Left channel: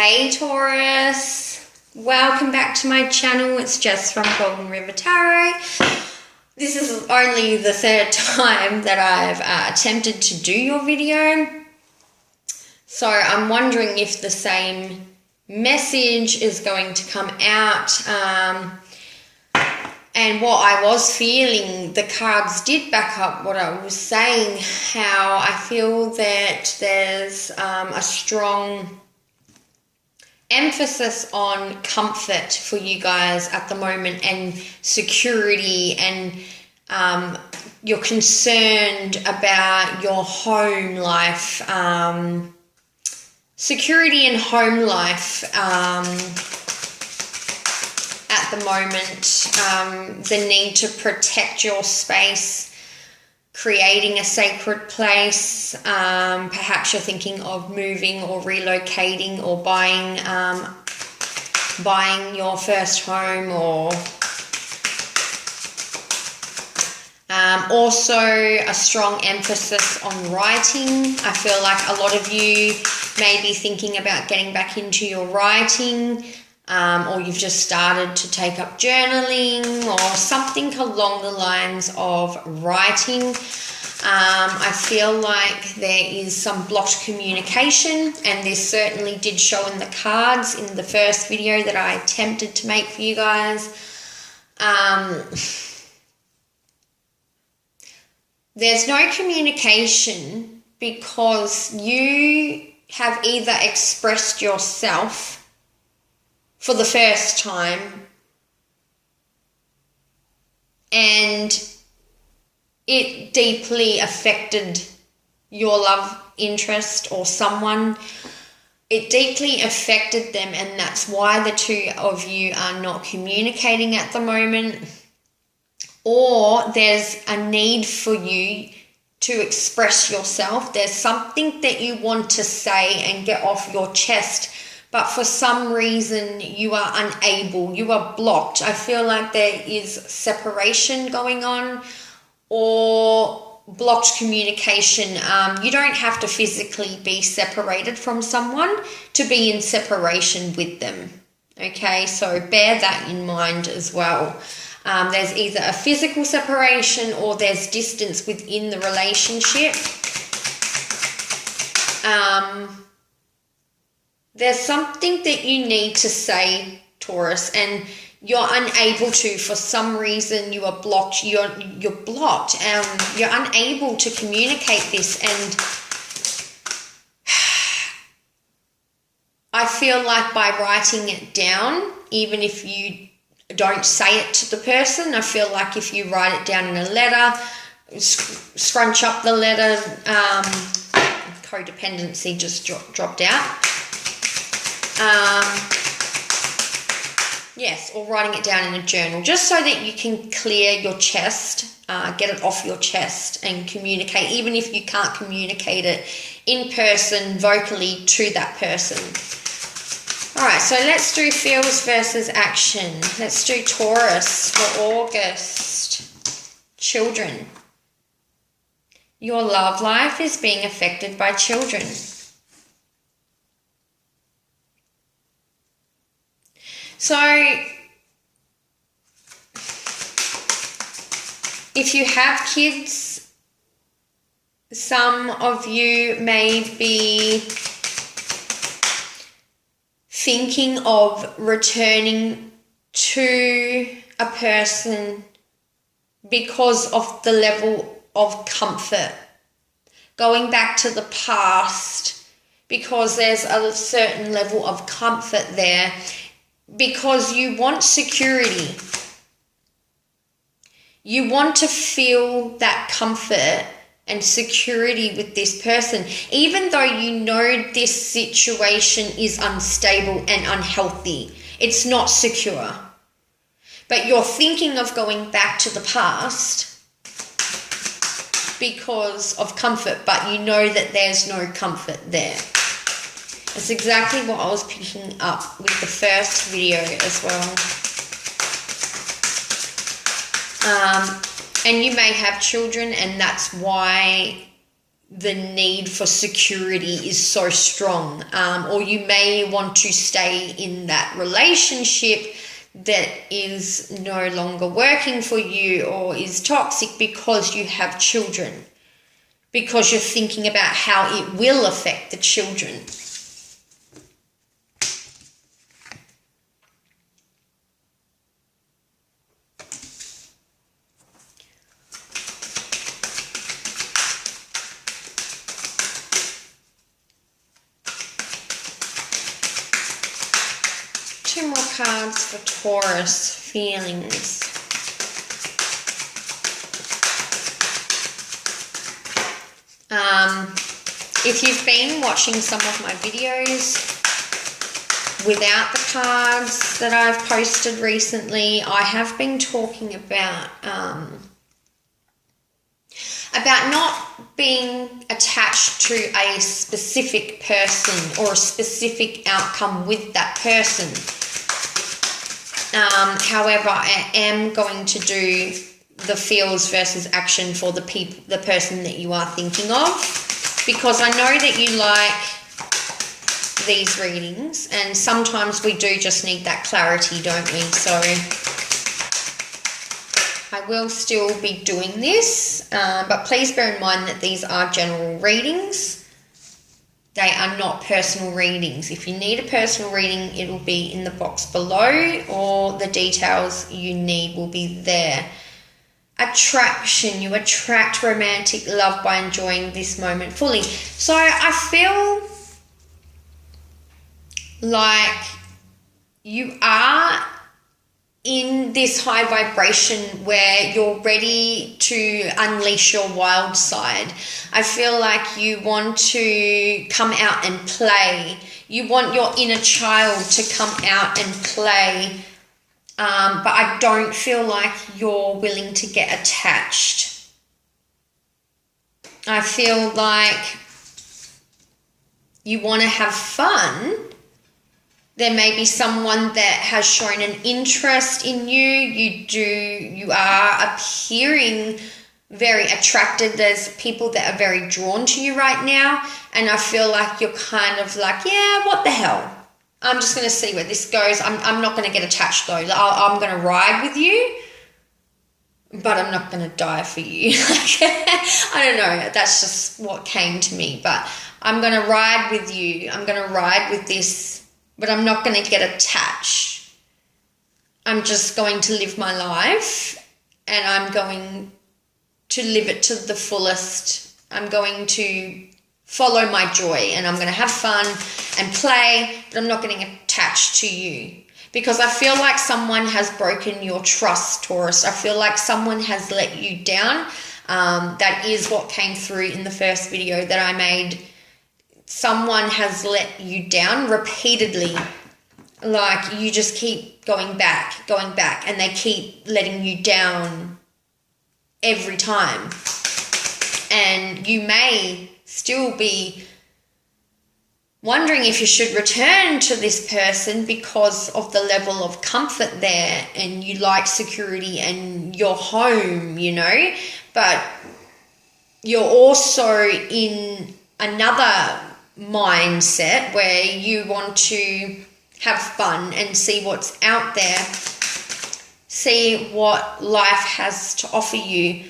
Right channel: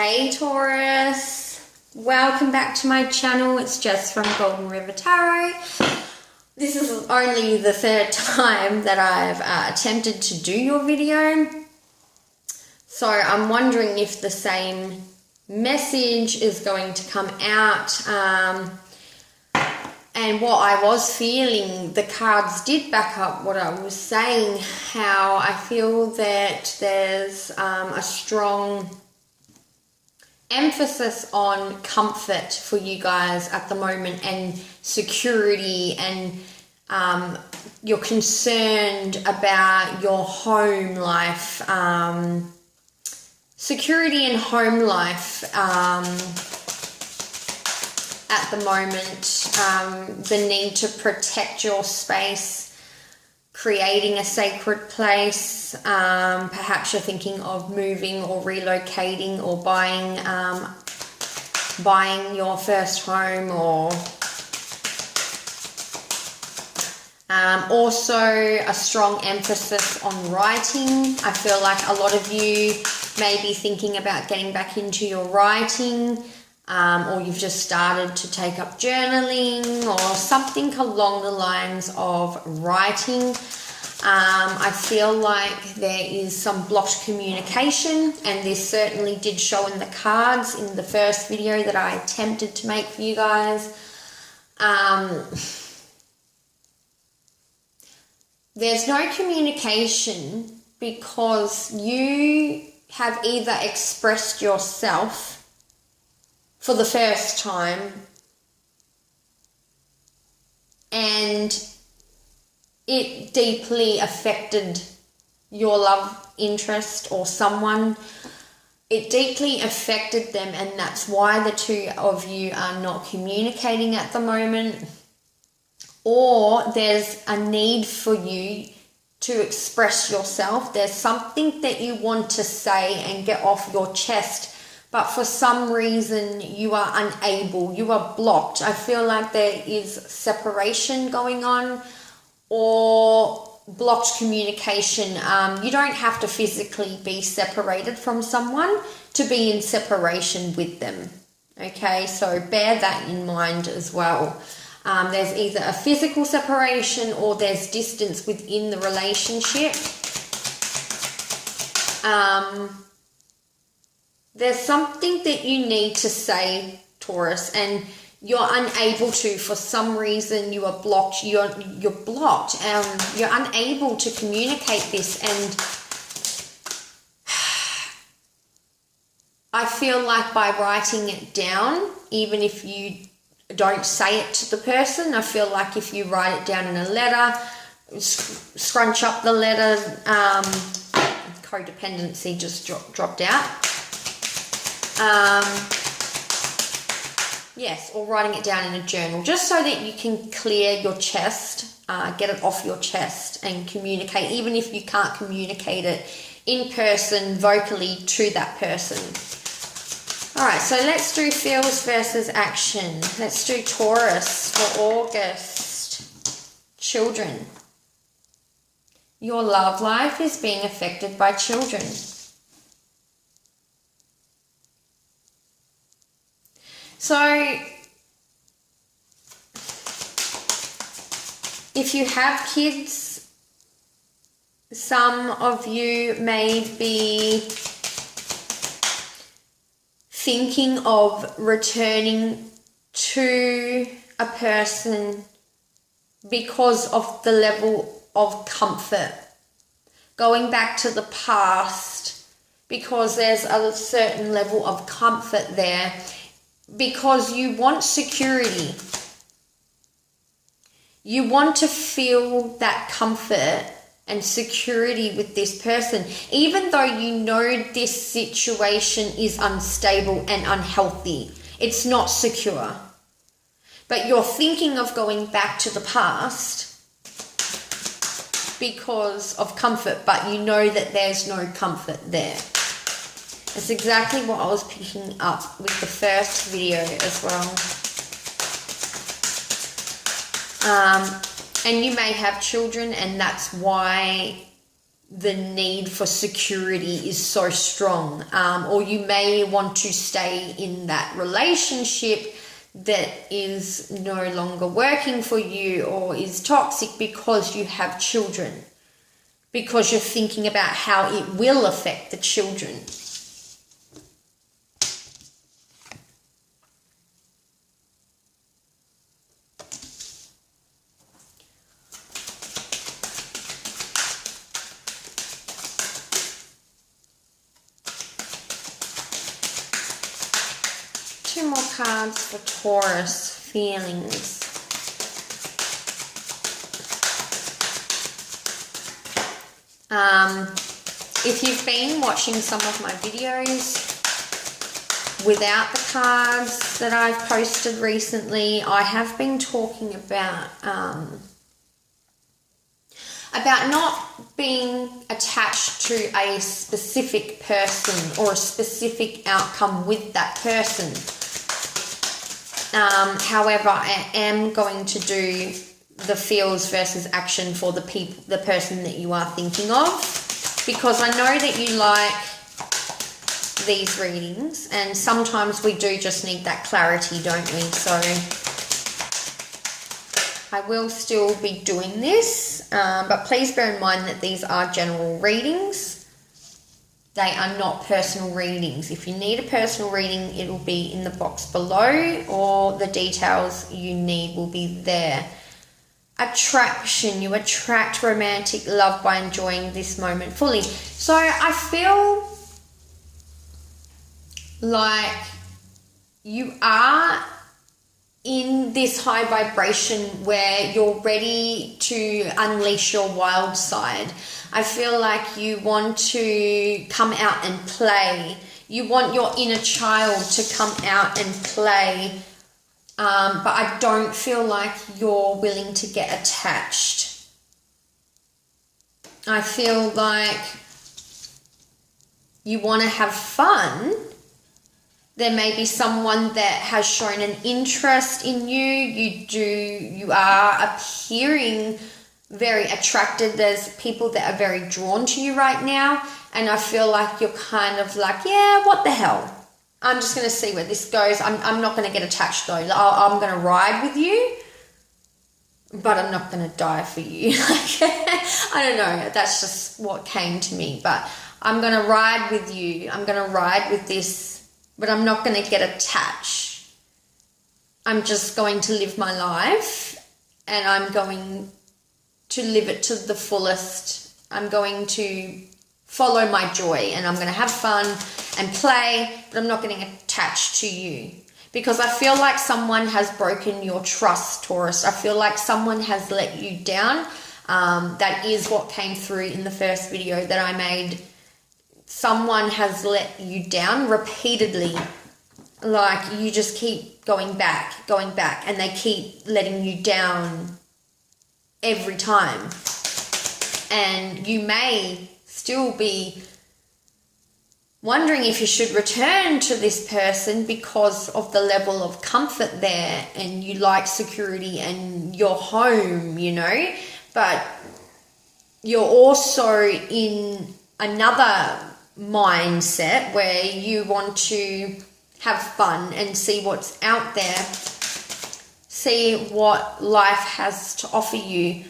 Hey Taurus, welcome back to my channel. It's Jess from Golden River Tarot. This is only the third time that I've attempted to do your video. So I'm wondering if the same message is going to come out. And what I was feeling, the cards did back up what I was saying, how I feel that there's a strong emphasis on comfort for you guys at the moment and security, and you're concerned about your home life, security and home life at the moment, the need to protect your space, creating a sacred place. Perhaps you're thinking of moving or relocating or buying your first home, or also a strong emphasis on writing. I feel like a lot of you may be thinking about getting back into your writing, or you've just started to take up journaling or something along the lines of writing. I feel like there is some blocked communication, and this certainly did show in the cards in the first video that I attempted to make for you guys. There's no communication because you have either expressed yourself for the first time and it deeply affected your love interest or someone. It deeply affected them, and that's why the two of you are not communicating at the moment. Or there's a need for you to express yourself. There's something that you want to say and get off your chest, but for some reason you are unable, you are blocked. I feel like there is separation going on or blocked communication. You don't have to physically be separated from someone to be in separation with them. Okay, so bear that in mind as well. There's either a physical separation or there's distance within the relationship. There's something that you need to say, Taurus, and you're unable to. For some reason you are blocked. You're blocked. You're unable to communicate this, and I feel like by writing it down, even if you don't say it to the person, I feel like if you write it down in a letter, scrunch up the letter, codependency just dropped out. Yes, or writing it down in a journal, just so that you can clear your chest, get it off your chest and communicate, even if you can't communicate it in person, vocally to that person. All right, so let's do feels versus action. Let's do Taurus for August. Children. Your love life is being affected by children. So, if you have kids, some of you may be thinking of returning to a person because of the level of comfort. Going back to the past because there's a certain level of comfort there. Because you want security. You want to feel that comfort and security with this person, even though you know this situation is unstable and unhealthy. It's not secure. But you're thinking of going back to the past because of comfort, but you know that there's no comfort there. That's exactly what I was picking up with the first video as well. And you may have children, and that's why the need for security is so strong, or you may want to stay in that relationship that is no longer working for you or is toxic because you have children, because you're thinking about how it will affect the children. Two more cards for Taurus feelings. If you've been watching some of my videos without the cards that I've posted recently, I have been talking about not being attached to a specific person or a specific outcome with that person. However, I am going to do the feels versus action for the person that you are thinking of, because I know that you like these readings, and sometimes we do just need that clarity, don't we? So I will still be doing this, but please bear in mind that these are general readings. They are not personal readings. If you need a personal reading, it will be in the box below, or the details you need will be there. Attraction. You attract romantic love by enjoying this moment fully. So I feel like you are in this high vibration where you're ready to unleash your wild side. I feel like you want to come out and play. You want your inner child to come out and play. But I don't feel like you're willing to get attached. I feel like you want to have fun. There may be someone that has shown an interest in you. You are appearing very attracted. There's people that are very drawn to you right now. And I feel like you're kind of like, yeah, what the hell? I'm just going to see where this goes. I'm not going to get attached though. I'm going to ride with you, but I'm not going to die for you. I don't know. That's just what came to me. But I'm going to ride with you. I'm going to ride with this, but I'm not going to get attached. I'm just going to live my life, and I'm going to live it to the fullest. I'm going to follow my joy, and I'm going to have fun and play, but I'm not getting attached to you, because I feel like someone has broken your trust, Taurus. I feel like someone has let you down. That is what came through in the first video that I made. Someone has let you down repeatedly. Like, you just keep going back, and they keep letting you down every time. And you may still be wondering if you should return to this person because of the level of comfort there, and you like security and your home, you know, but you're also in another mindset where you want to have fun and see what's out there, see what life has to offer you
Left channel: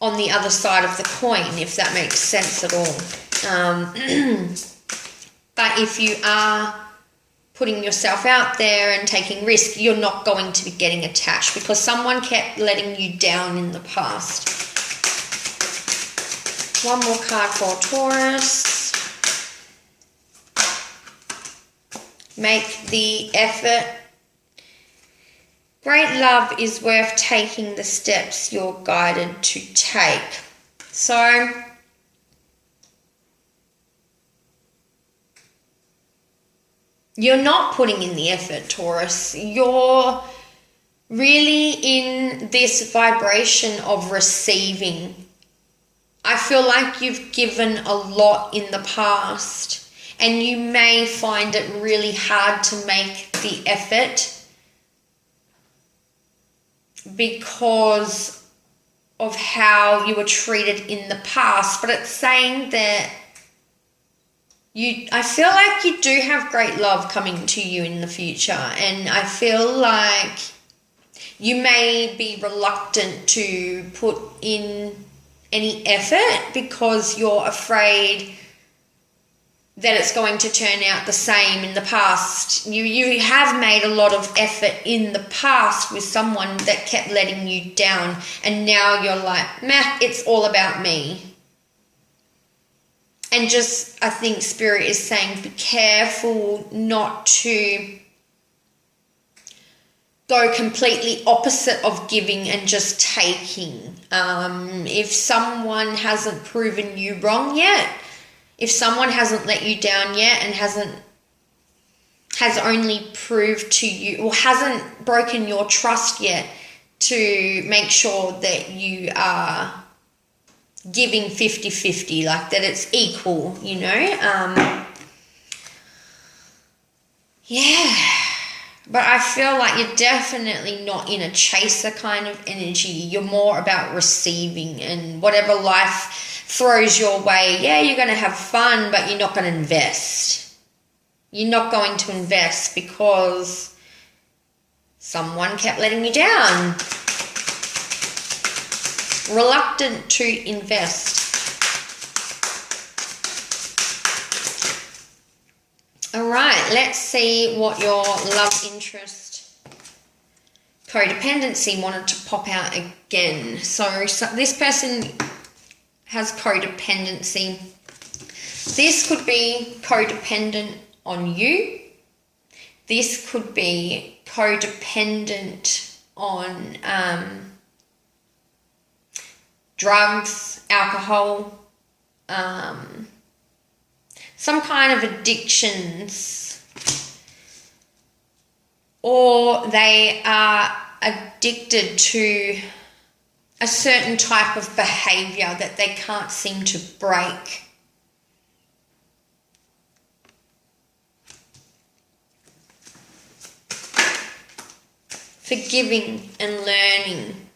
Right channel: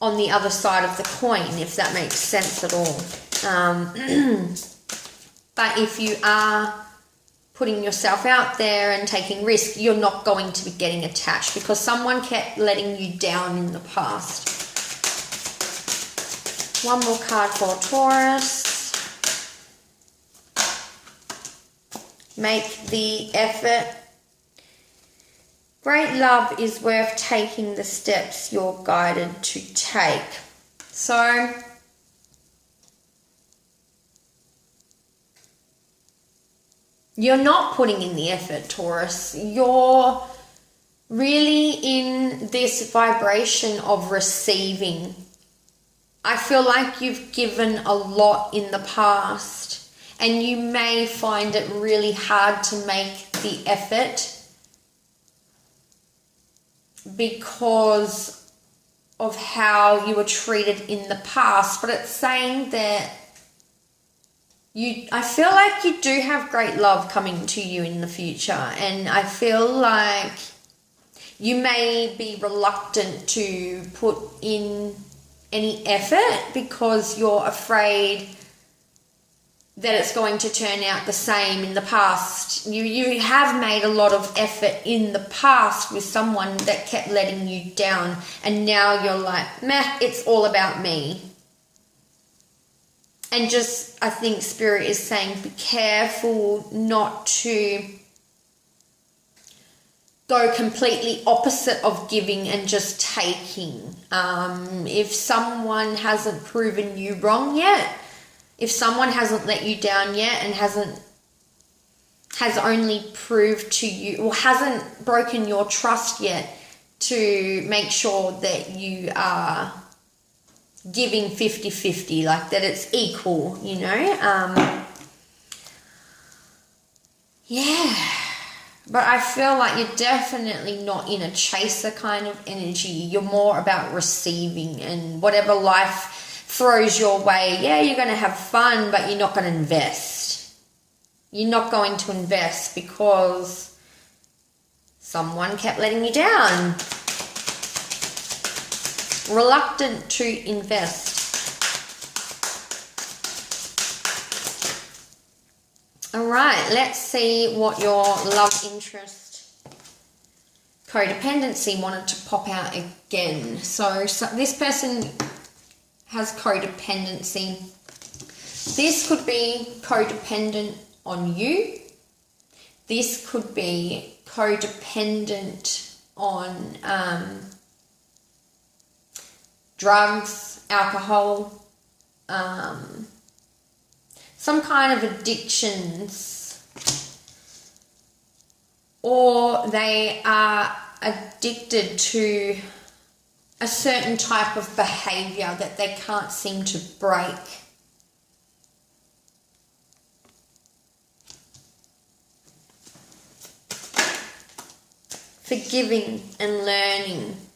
on the other side of the coin, if that makes sense at all. But if you are putting yourself out there and taking risk, you're not going to be getting attached, because someone kept letting you down in the past. One more card for Taurus. Make the effort. Great love is worth taking the steps you're guided to take. So, you're not putting in the effort, Taurus. You're really in this vibration of receiving. I feel like you've given a lot in the past, and you may find it really hard to make the effort because of how you were treated in the past, but it's saying that I feel like you do have great love coming to you in the future, and I feel like you may be reluctant to put in any effort because you're afraid that it's going to turn out the same in the past. You have made a lot of effort in the past with someone that kept letting you down, and now you're like, meh, it's all about me. And just, I think Spirit is saying, be careful not to go completely opposite of giving and just taking. If someone hasn't proven you wrong yet, if someone hasn't let you down yet and has only proved to you, or hasn't broken your trust yet, to make sure that you are giving 50-50, like that it's equal, you know? Yeah. But I feel like you're definitely not in a chaser kind of energy. You're more about receiving, and whatever life throws your way, yeah, you're going to have fun, but you're not going to invest. You're not going to invest because someone kept letting you down. Reluctant to invest. All right, let's see what your love interest codependency wanted to pop out again. So this person has codependency. This could be codependent on you. This could be codependent on drugs, alcohol, some kind of addictions, or they are addicted to a certain type of behavior that they can't seem to break. Forgiving and learning.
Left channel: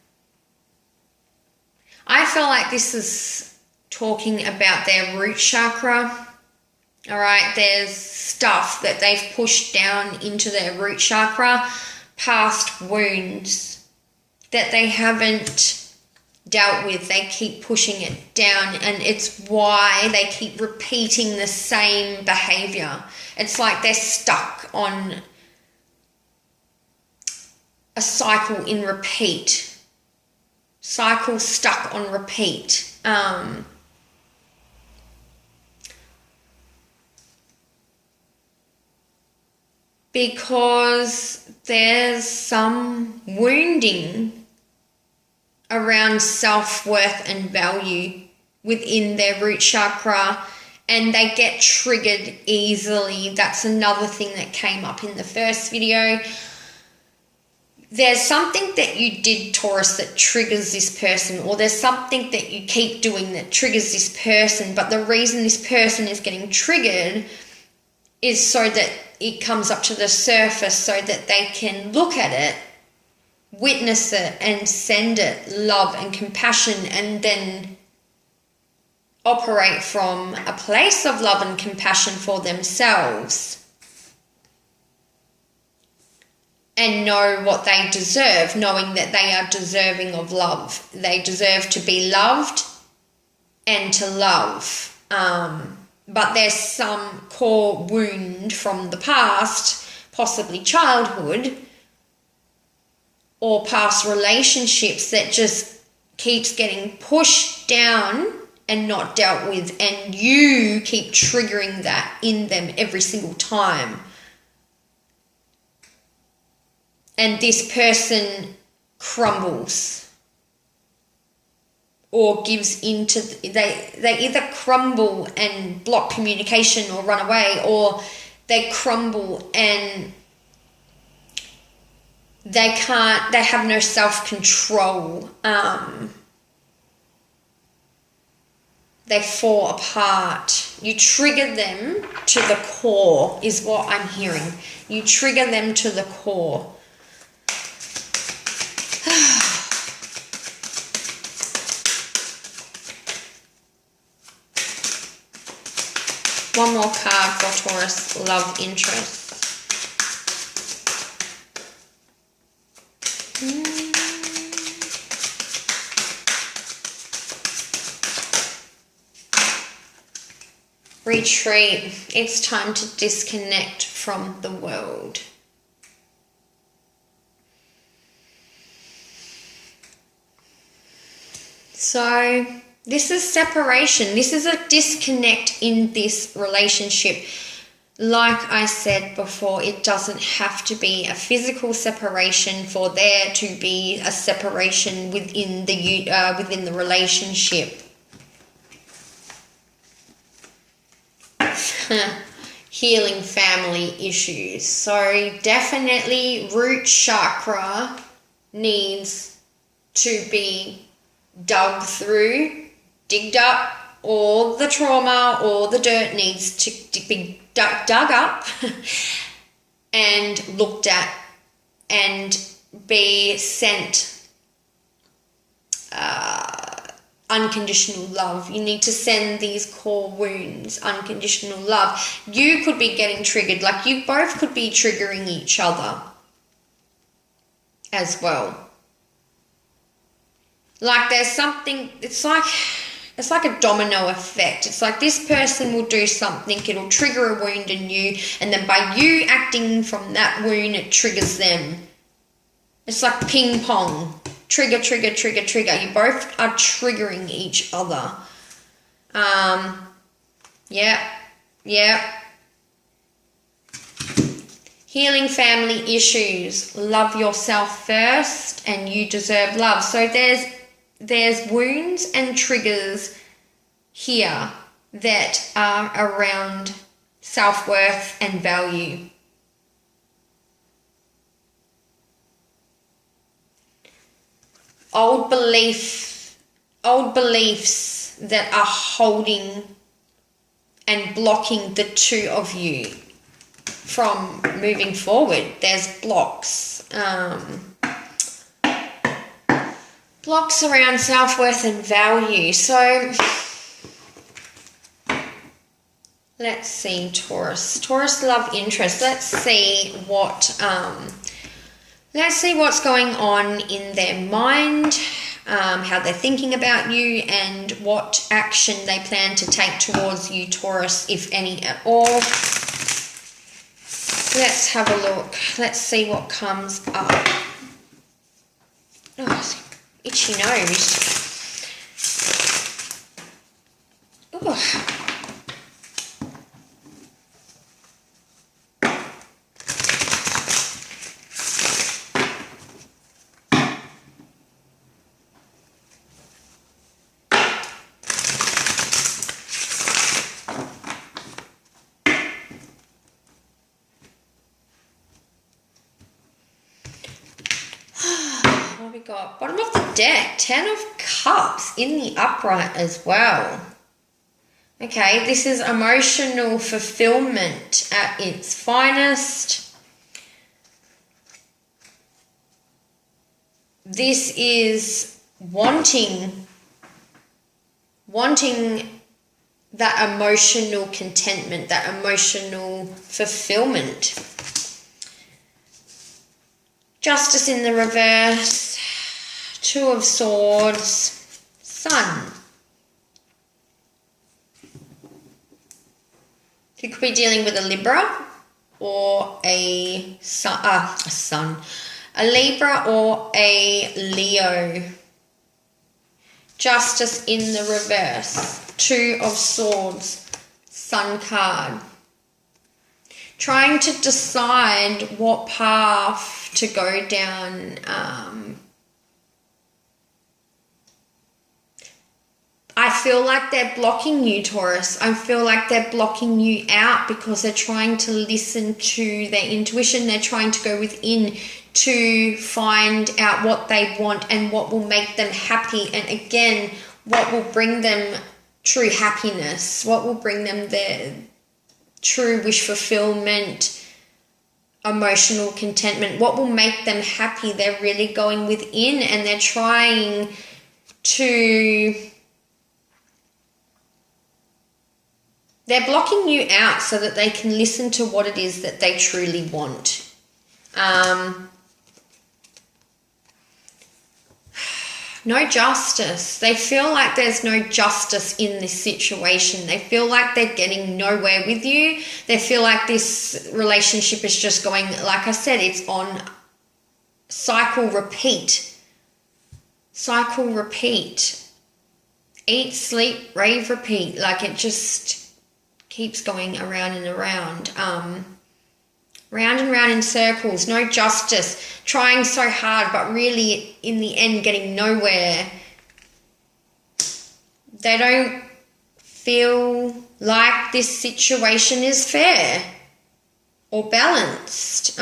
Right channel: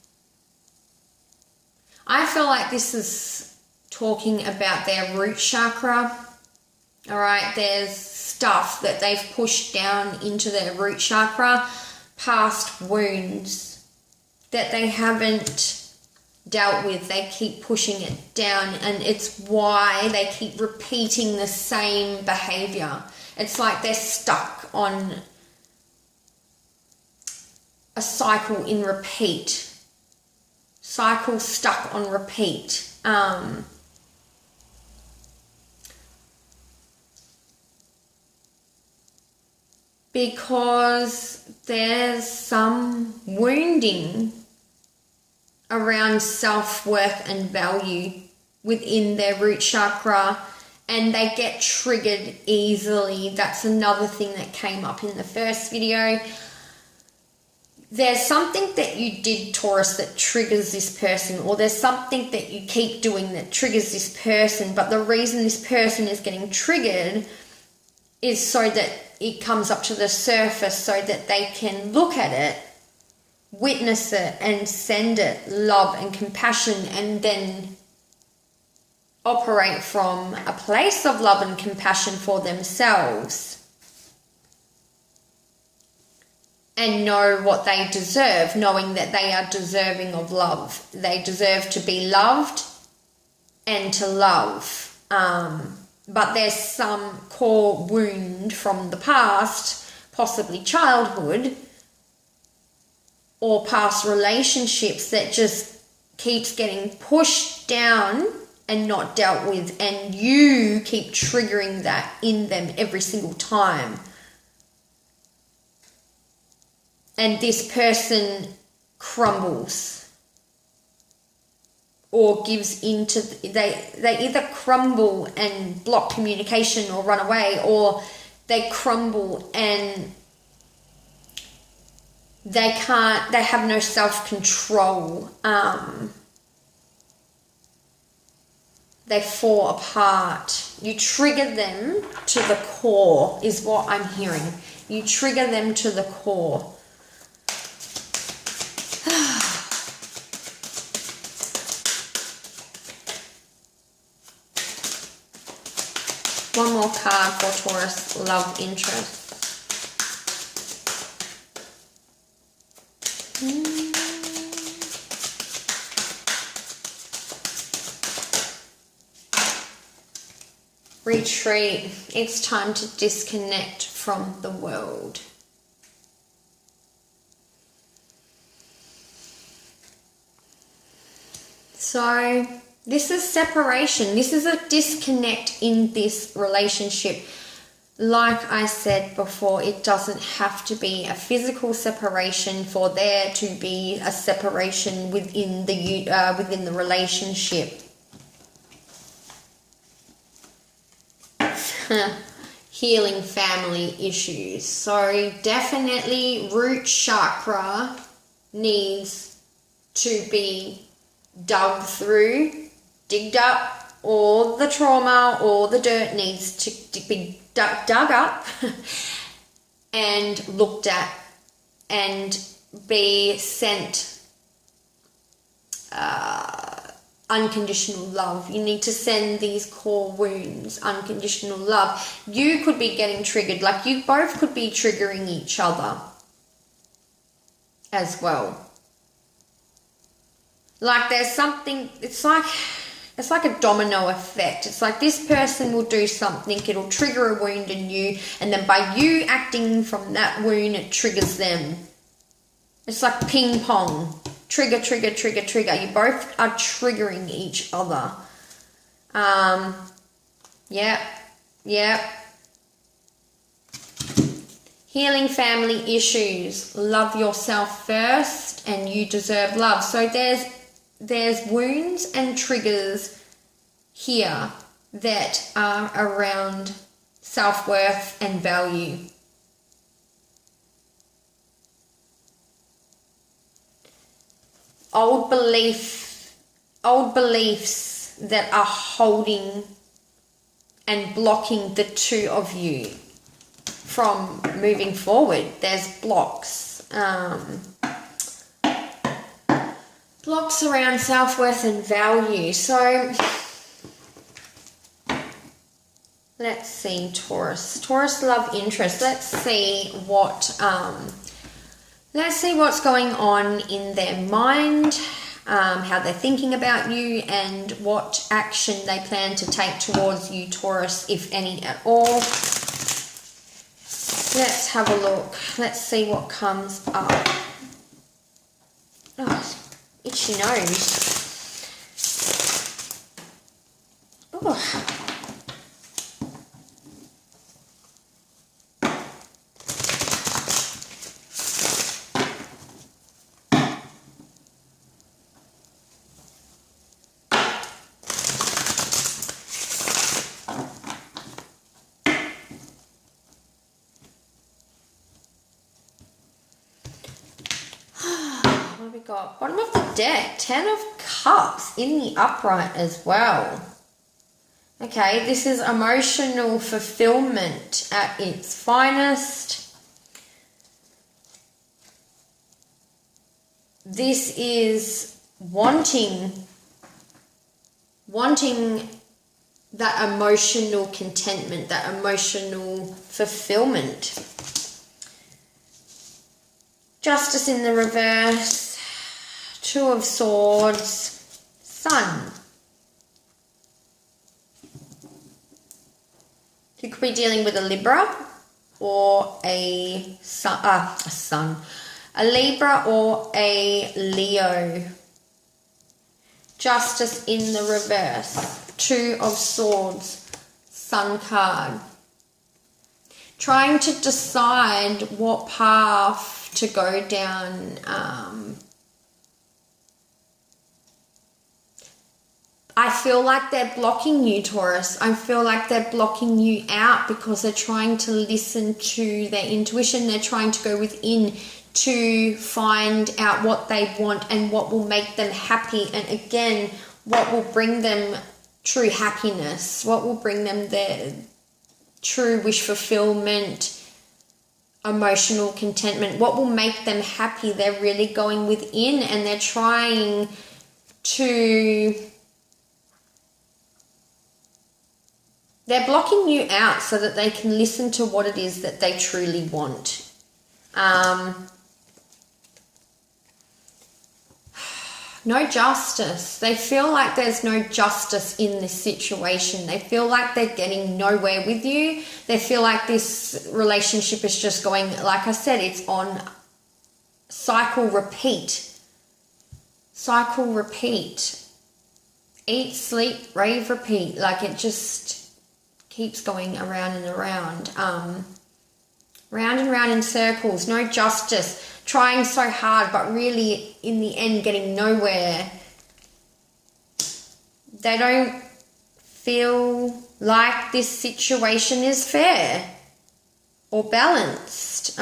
I feel like this is talking about their root chakra. All right, there's stuff that they've pushed down into their root chakra, past wounds that they haven't dealt with. They keep pushing it down, and it's why they keep repeating the same behavior. It's like they're stuck on a cycle in repeat. Cycle stuck on repeat. Because there's some wounding around self-worth and value within their root chakra, and they get triggered easily. That's another thing that came up in the first video. There's something that you did, Taurus, that triggers this person, or there's something that you keep doing that triggers this person, but the reason this person is getting triggered is so that it comes up to the surface, so that they can look at it, witness it, and send it love and compassion, and then operate from a place of love and compassion for themselves and know what they deserve, knowing that they are deserving of love. They deserve to be loved and to love. But there's some core wound from the past, possibly childhood or past relationships, that just keeps getting pushed down and not dealt with, and you keep triggering that in them every single time. And this person crumbles or gives into, they either crumble and block communication or run away, or they crumble and they have no self-control. They fall apart. You trigger them to the core is what I'm hearing. You trigger them to the core. One more card for Taurus love interest. Retreat. It's time to disconnect from the world. So this is separation. This is a disconnect in this relationship. Like I said before, it doesn't have to be a physical separation for there to be a separation within the relationship. Healing family issues. So definitely root chakra needs to be dug through, digged up. All the trauma, all the dirt needs to be dug up and looked at and be sent unconditional love. You need to send these core wounds unconditional love. You could be getting triggered, like you both could be triggering each other as well. Like there's something, it's like a domino effect. It's like this person will do something, it'll trigger a wound in you, and then by you acting from that wound, it triggers them. It's like ping pong. Trigger, trigger, trigger, trigger. You both are triggering each other. Yeah. Healing family issues. Love yourself first and you deserve love. So there's wounds and triggers here that are around self-worth and value. Old beliefs that are holding and blocking the two of you from moving forward. There's blocks. Blocks around self-worth and value. So let's see, Taurus love interest. Let's see what's going on in their mind, how they're thinking about you, and what action they plan to take towards you, Taurus, if any at all. Let's have a look. Let's see what comes up. Oh, itchy nose. Oh. What have we got? Bottom of the deck, 10 of Cups in the upright as well. Okay, this is emotional fulfillment at its finest. This is wanting that emotional contentment, that emotional fulfillment. Justice in the reverse, 2 of Swords, Sun. You could be dealing with a Libra or a Libra or a Leo. Justice in the reverse, 2 of Swords, Sun card. Trying to decide what path to go down. I feel like they're blocking you, Taurus. I feel like they're blocking you out because they're trying to listen to their intuition. They're trying to go within to find out what they want and what will make them happy. And again, what will bring them true happiness, what will bring them their true wish fulfillment, emotional contentment, what will make them happy. They're really going within and they're trying to They're blocking you out so that they can listen to what it is that they truly want. No justice. They feel like there's no justice in this situation. They feel like they're getting nowhere with you. They feel like this relationship is just going, like I said, it's on cycle repeat. Cycle repeat. Eat, sleep, rave, repeat. Like it just keeps going around and around. Round and round in circles, no justice, trying so hard, but really in the end getting nowhere. They don't feel like this situation is fair or balanced.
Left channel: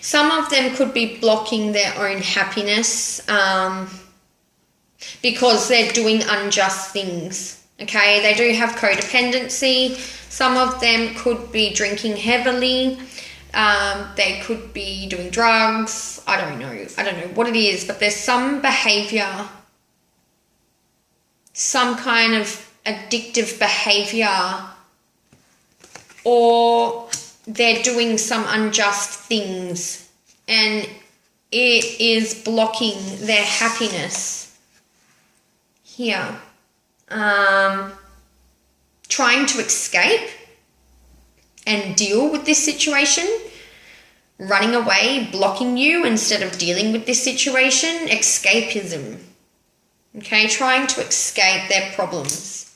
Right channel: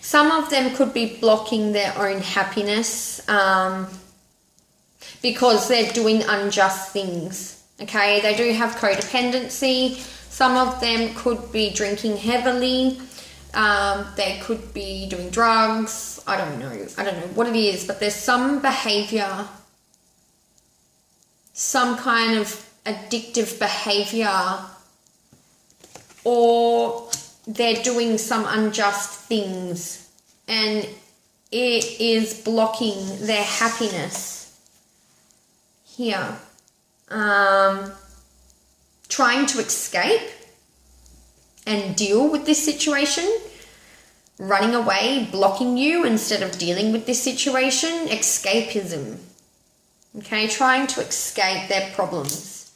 Some of them could be blocking their own happiness because they're doing unjust things, okay? They do have codependency. Some of them could be drinking heavily. They could be doing drugs. I don't know what it is, but there's some behavior, some kind of addictive behavior, or they're doing some unjust things and it is blocking their happiness here. Trying to escape and deal with this situation, running away, blocking you instead of dealing with this situation, escapism. Okay, trying to escape their problems.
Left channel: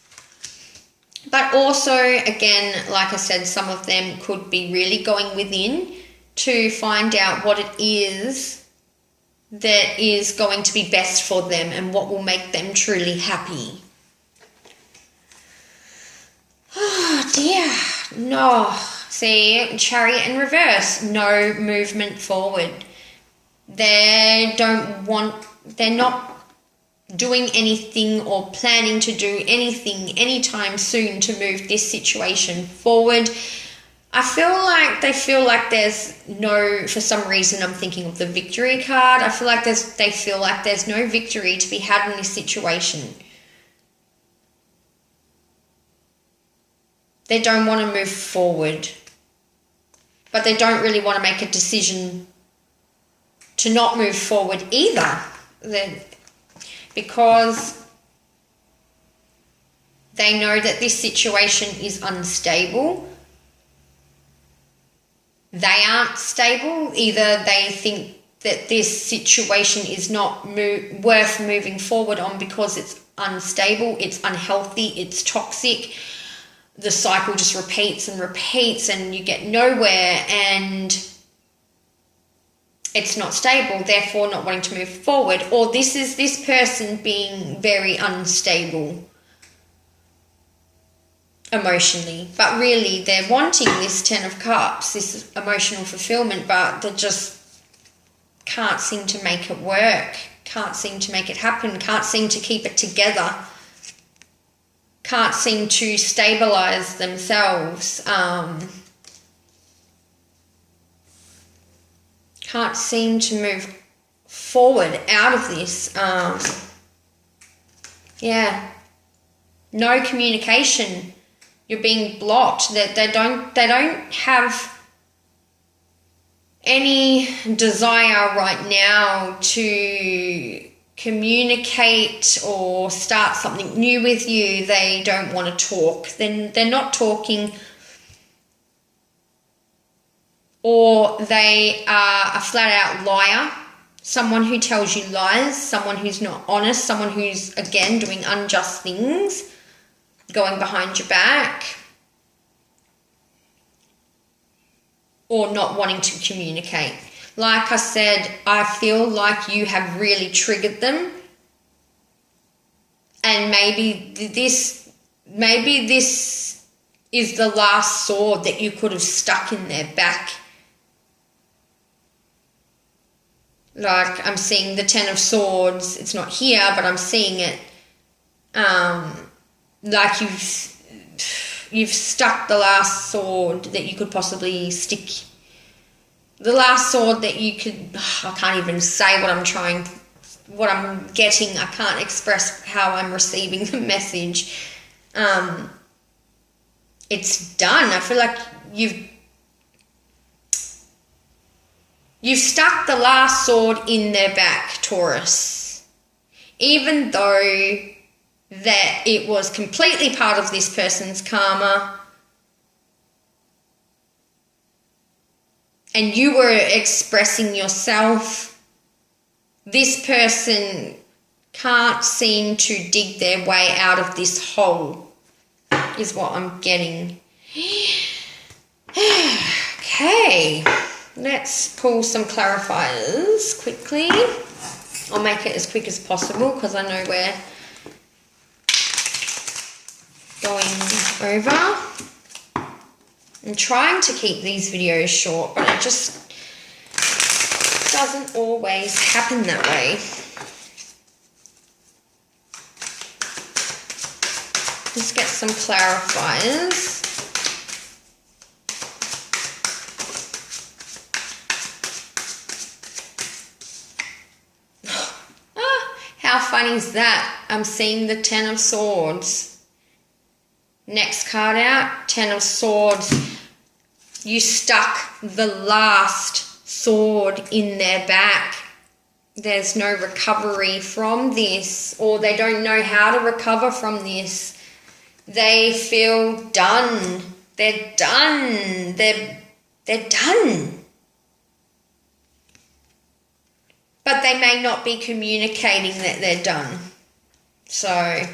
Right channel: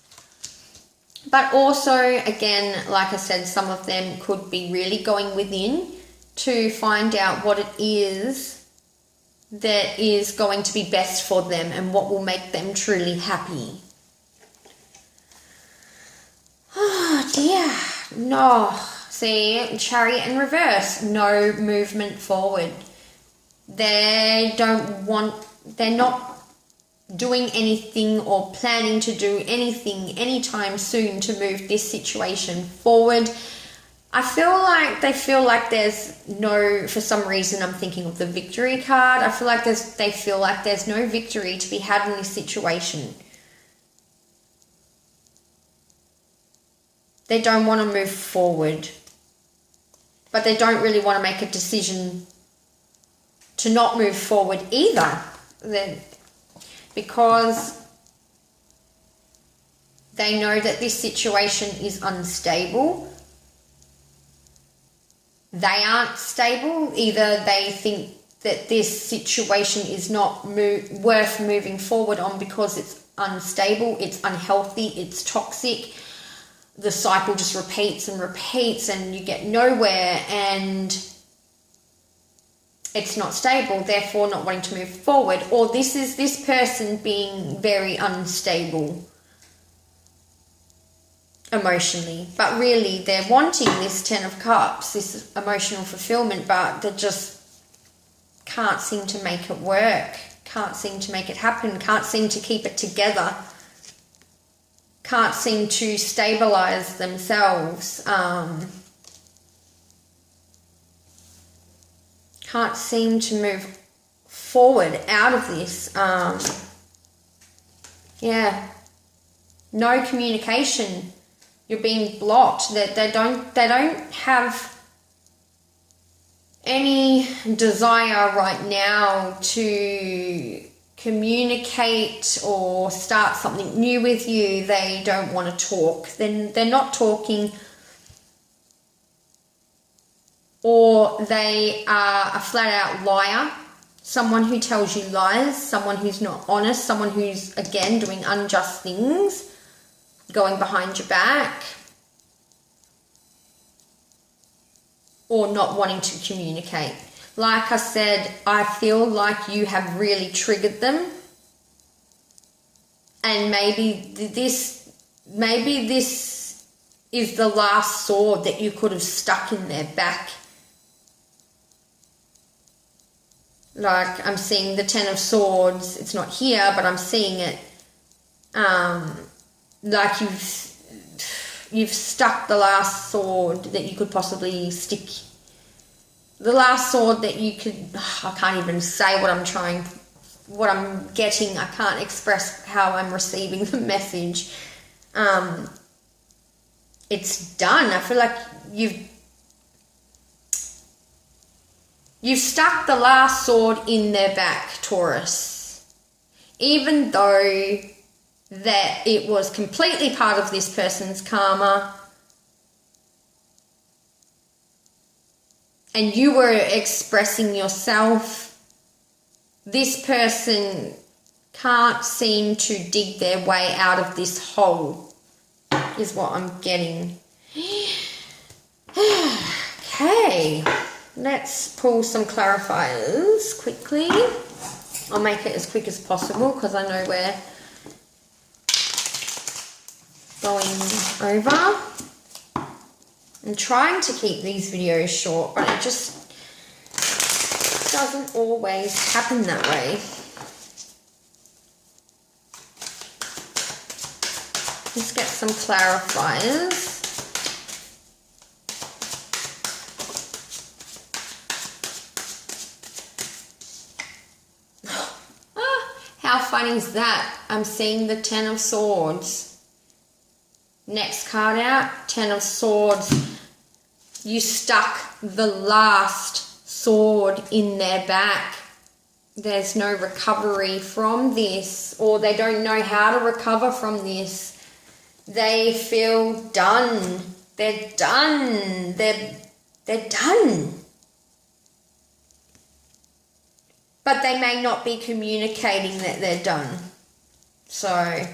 But also, again, like I said, some of them could be really going within to find out what it is that is going to be best for them and what will make them truly happy. Oh dear, no. See, Chariot in reverse, no movement forward. They're not doing anything or planning to do anything anytime soon to move this situation forward. I feel like there's no, for some reason I'm thinking of the victory card. I feel like they feel like there's no victory to be had in this situation. They don't want to move forward, but they don't really want to make a decision to not move forward either. Because they know that this situation is unstable. They aren't stable. Either they think that this situation is not worth moving forward on because it's unstable, it's unhealthy, it's toxic. The cycle just repeats and repeats and you get nowhere and it's not stable, therefore not wanting to move forward. Or this is this person being very unstable emotionally, but really they're wanting this 10 of Cups, this emotional fulfillment, but they just can't seem to make it work, can't seem to make it happen, can't seem to keep it together, can't seem to stabilize themselves, can't seem to move forward out of this. No communication. You're being blocked. They don't have any desire right now to communicate or start something new with you. They don't want to talk. Then they're not talking. Or they are a flat-out liar, someone who tells you lies, someone who's not honest, someone who's, again, doing unjust things, going behind your back, or not wanting to communicate. Like I said, I feel like you have really triggered them, and maybe this is the last sword that you could have stuck in their back. Like, I'm seeing the 10 of Swords. It's not here, but I'm seeing it. Like you've stuck the last sword that you could possibly stick. The last sword that you could, I can't even say what I'm getting. I can't express how I'm receiving the message. It's done. I feel like you've stuck the last sword in their back, Taurus. Even though that it was completely part of this person's karma, and you were expressing yourself, this person can't seem to dig their way out of this hole, is what I'm getting. Okay, let's pull some clarifiers quickly. I'll make it as quick as possible because I know we're going over. I'm trying to keep these videos short, but it just doesn't always happen that way. Let's get some clarifiers. How funny is that? I'm seeing the Ten of Swords. Next card out, Ten of Swords. You stuck the last sword in their back. There's no recovery from this, or they don't know how to recover from this. They feel done. They're done. They're done. But they may not be communicating that they're done. So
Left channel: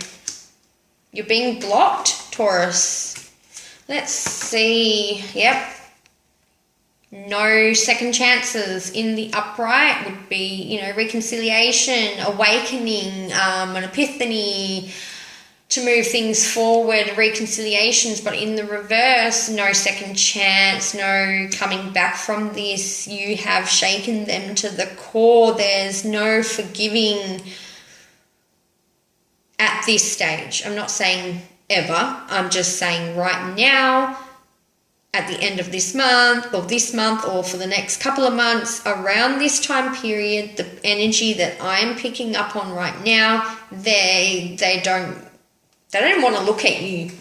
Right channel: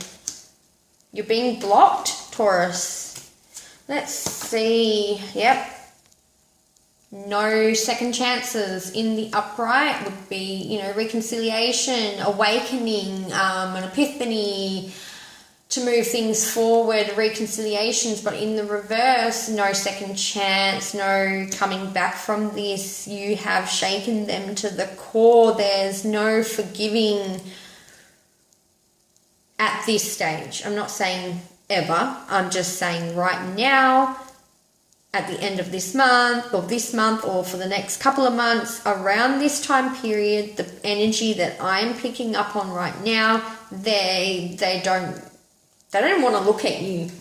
you're being blocked, Taurus. Let's see. Yep. No second chances in the upright would be, reconciliation, awakening, an epiphany to move things forward, reconciliations. But in the reverse, no second chance, no coming back from this. You have shaken them to the core. There's no forgiving at this stage. I'm not saying ever. I'm just saying right now, at the end of this month or for the next couple of months, around this time period, the energy that I'm picking up on right now, they don't want to look at you.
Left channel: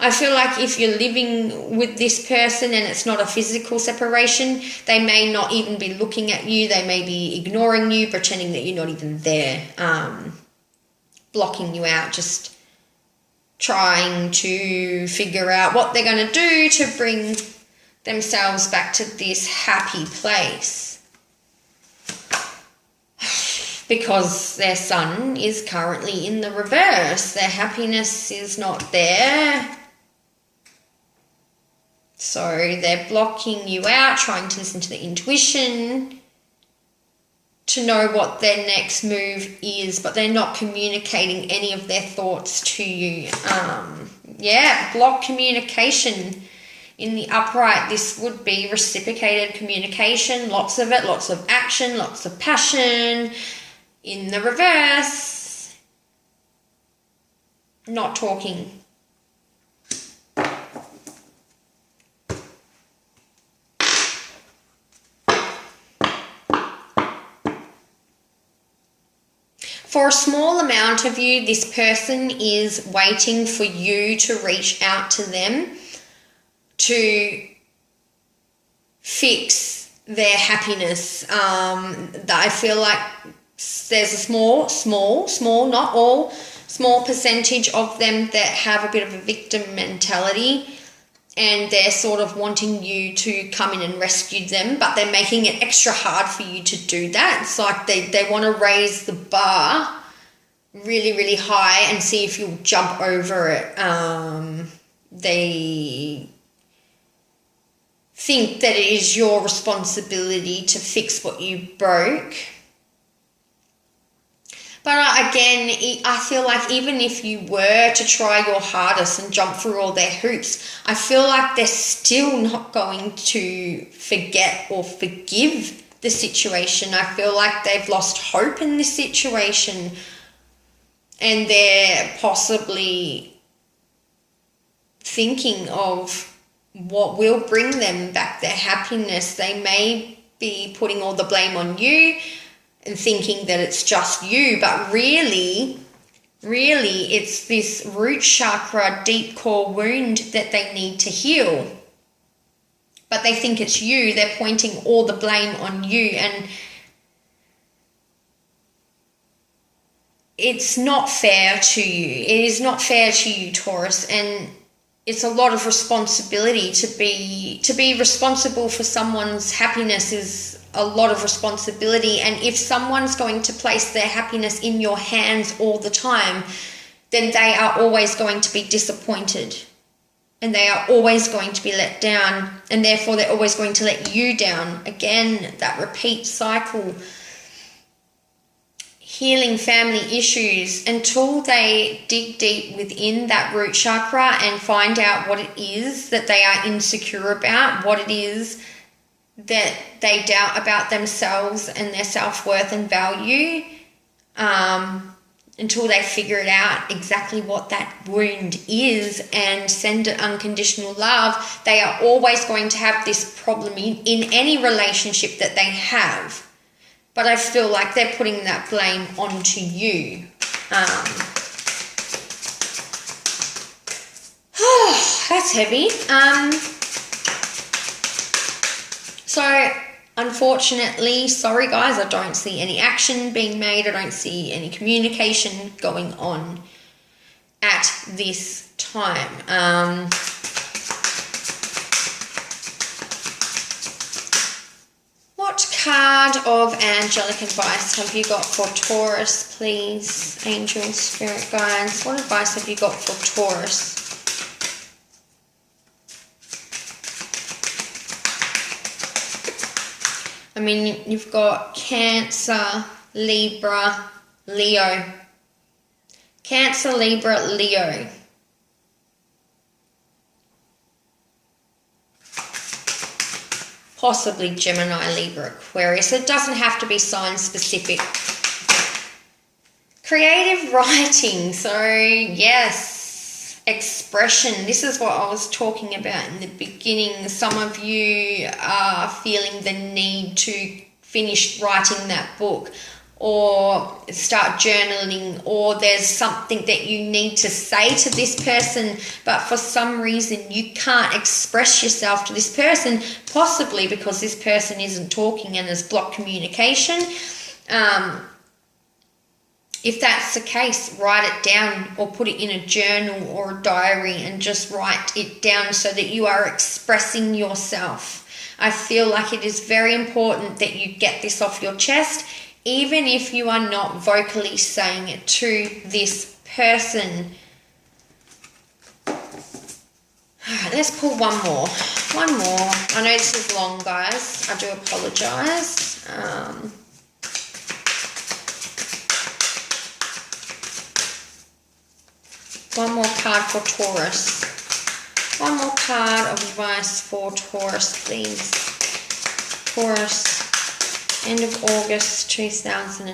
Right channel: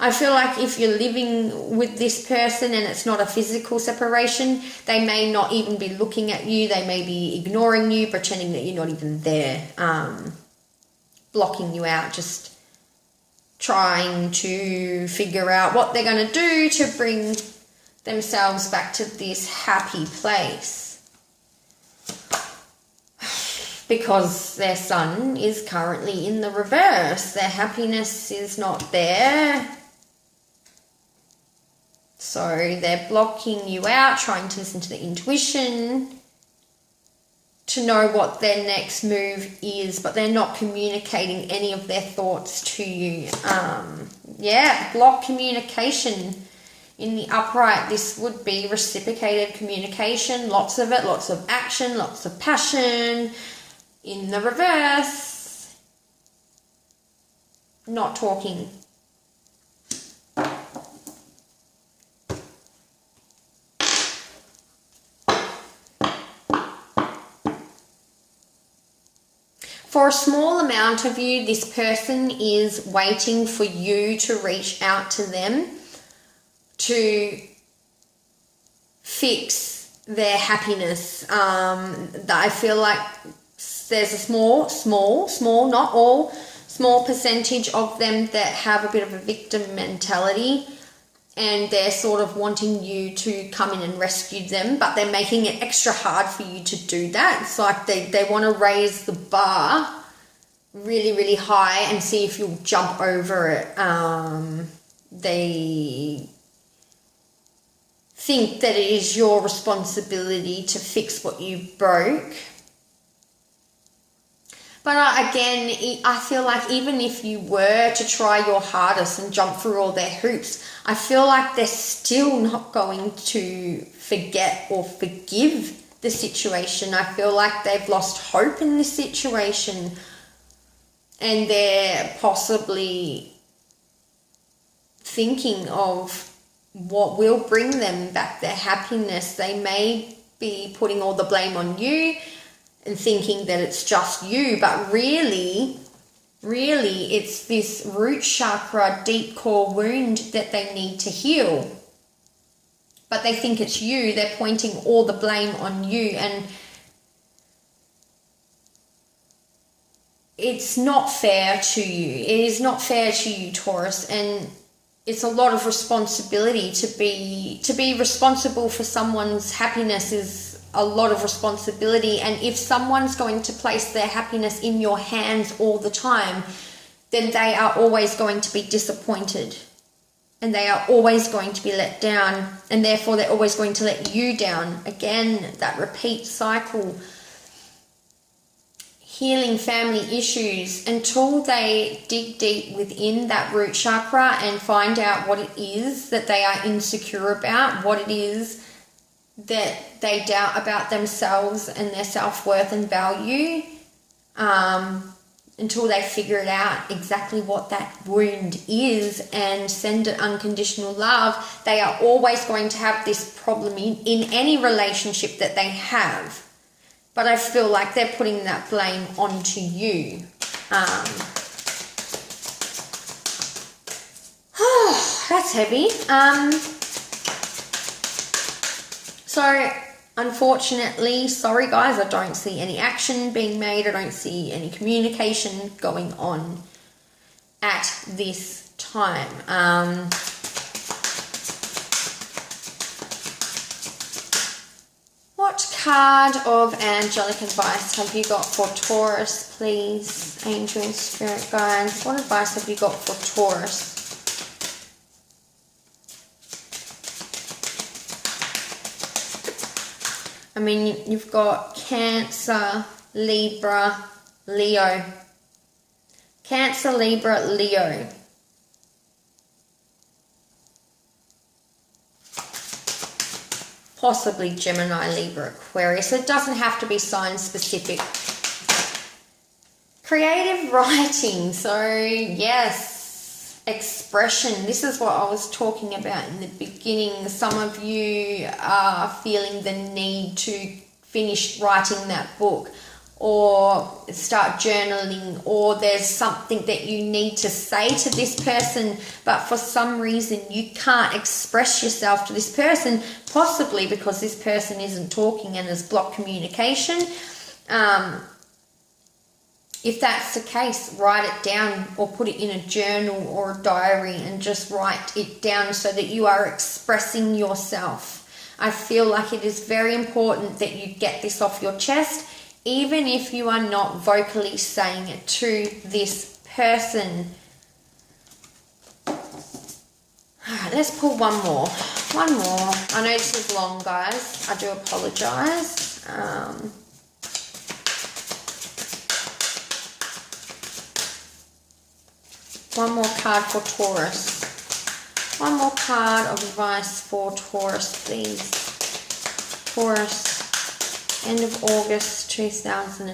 I feel like if you're living with this person and it's not a physical separation, they may not even be looking at you. They may be ignoring you, pretending that you're not even there, blocking you out, just trying to figure out what they're going to do to bring themselves back to this happy place. Because their sun is currently in the reverse. Their happiness is not there. So they're blocking you out, trying to listen to the intuition, to know what their next move is, but they're not communicating any of their thoughts to you. Block communication. In the upright, this would be reciprocated communication, lots of it, lots of action, lots of passion. In the reverse, not talking. For a small amount of you, this person is waiting for you to reach out to them to fix their happiness. I feel like there's a small, not all, small percentage of them that have a bit of a victim mentality, and they're sort of wanting you to come in and rescue them, but they're making it extra hard for you to do that. It's like they want to raise the bar really, really high and see if you'll jump over it. They think that it is your responsibility to fix what you broke. But again, I feel like even if you were to try your hardest and jump through all their hoops, I feel like they're still not going to forget or forgive the situation. I feel like they've lost hope in this situation, and they're possibly thinking of what will bring them back their happiness. They may be putting all the blame on you and thinking that it's just you, but really it's this root chakra deep core wound that they need to heal. But they think it's you. They're pointing all the blame on you, and it's not fair to you. It is not fair to you, Taurus, and it's a lot of responsibility to be responsible for someone's happiness is a lot of responsibility. And if someone's going to place their happiness in your hands all the time, then they are always going to be disappointed, and they are always going to be let down, and therefore they're always going to let you down. Again, that repeat cycle. Healing family issues until they dig deep within that root chakra and find out what it is that they are insecure about, what it is that they doubt about themselves and their self-worth and value, until they figure it out exactly what that wound is and send it unconditional love. They are always going to have this problem in any relationship that they have. But I feel like they're putting that blame onto you. That's heavy. So, unfortunately, sorry guys, I don't see any action being made. I don't see any communication going on at this time. What card of angelic advice have you got for Taurus, please? Angels, spirit guides, what advice have you got for Taurus? I mean, you've got Cancer, Libra, Leo. Cancer, Libra, Leo. Possibly Gemini, Libra, Aquarius. It doesn't have to be sign specific. Creative writing. So, yes, expression. This is what I was talking about in the beginning. Some of you are feeling the need to finish writing that book, or start journaling, or there's something that you need to say to this person, but for some reason you can't express yourself to this person, possibly because this person isn't talking and has blocked communication. If that's the case, write it down or put it in a journal or a diary and just write it down so that you are expressing yourself. I feel like it is very important that you get this off your chest, even if you are not vocally saying it to this person. Alright, let's pull one more. One more. I know this is long, guys. I do apologise. One more card for Taurus. One more card of advice for Taurus, please. Taurus. End of August 2018.